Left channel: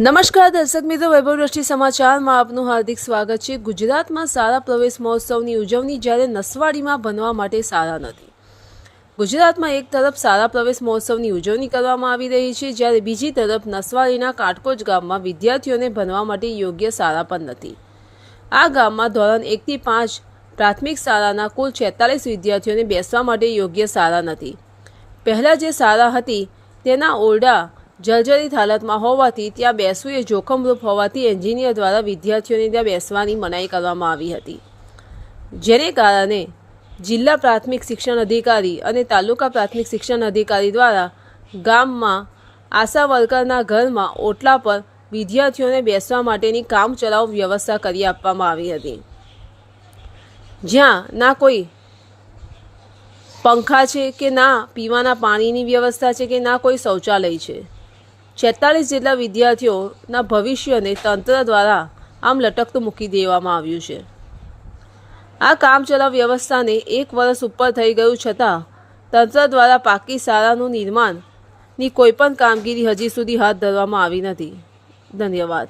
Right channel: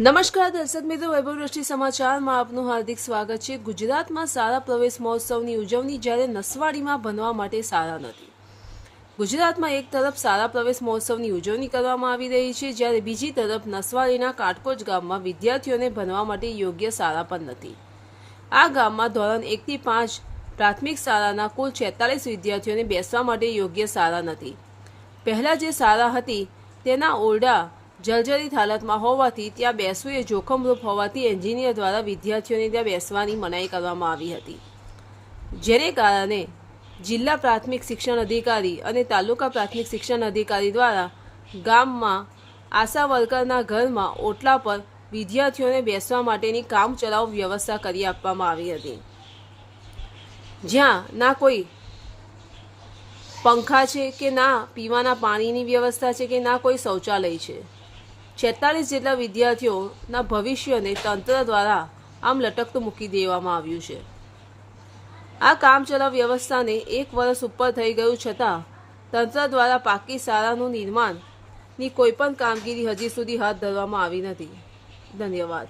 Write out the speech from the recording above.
નમસ્કાર દર્શક મિત્રો, વૈભવ દ્રષ્ટિ સમાચારમાં આપનું હાર્દિક સ્વાગત છે। ગુજરાતમાં શાળા પ્રવેશ મહોત્સવની ઉજવણી જ્યારે નસવાડીમાં ભણવા માટે શાળા નથી। ગુજરાતમાં એક તરફ શાળા પ્રવેશ મહોત્સવની ઉજવણી કરવામાં આવી રહી છે, જ્યારે બીજી તરફ નસવાડીના કાટકોચ ગામમાં વિદ્યાર્થીઓને ભણવા માટે યોગ્ય શાળા પણ નથી। આ ગામમાં ધોરણ 1 થી 5 પ્રાથમિક શાળાના કુલ 46 વિદ્યાર્થીઓને બેસવા માટે યોગ્ય શાળા નથી। પહેલાં જે શાળા હતી તેના ઓરડા જર્જરિત હાલતમાં હોવાથી ત્યાં બેસવું એ જોખમરૂપ હોવાથી એન્જિનિયર દ્વારા વિદ્યાર્થીઓને ત્યાં બેસવાની મનાઈ કરવામાં આવી હતી, જેને કારણે જિલ્લા પ્રાથમિક શિક્ષણ અધિકારી અને તાલુકા પ્રાથમિક શિક્ષણ અધિકારી દ્વારા ગામમાં આશા વર્કરના ઘરમાં ઓટલા પર વિદ્યાર્થીઓને બેસવા માટેની કામચલાઉ વ્યવસ્થા કરી આપવામાં આવી હતી, જ્યાં ના કોઈ પંખા છે કે ના પીવાના પાણીની વ્યવસ્થા છે કે ના કોઈ શૌચાલય છે। 46 જેટલા વિદ્યાર્થીઓના ભવિષ્યને તંત્ર દ્વારા આમ લટકતું મૂકી દેવામાં આવ્યું છે। આ કામચલાઉ વ્યવસ્થાને 1 વર્ષ ઉપર થઈ ગયું છતાં તંત્ર દ્વારા પાકી શાળાનું નિર્માણની કોઈપણ કામગીરી હજી સુધી હાથ ધરવામાં આવી નથી। ધન્યવાદ।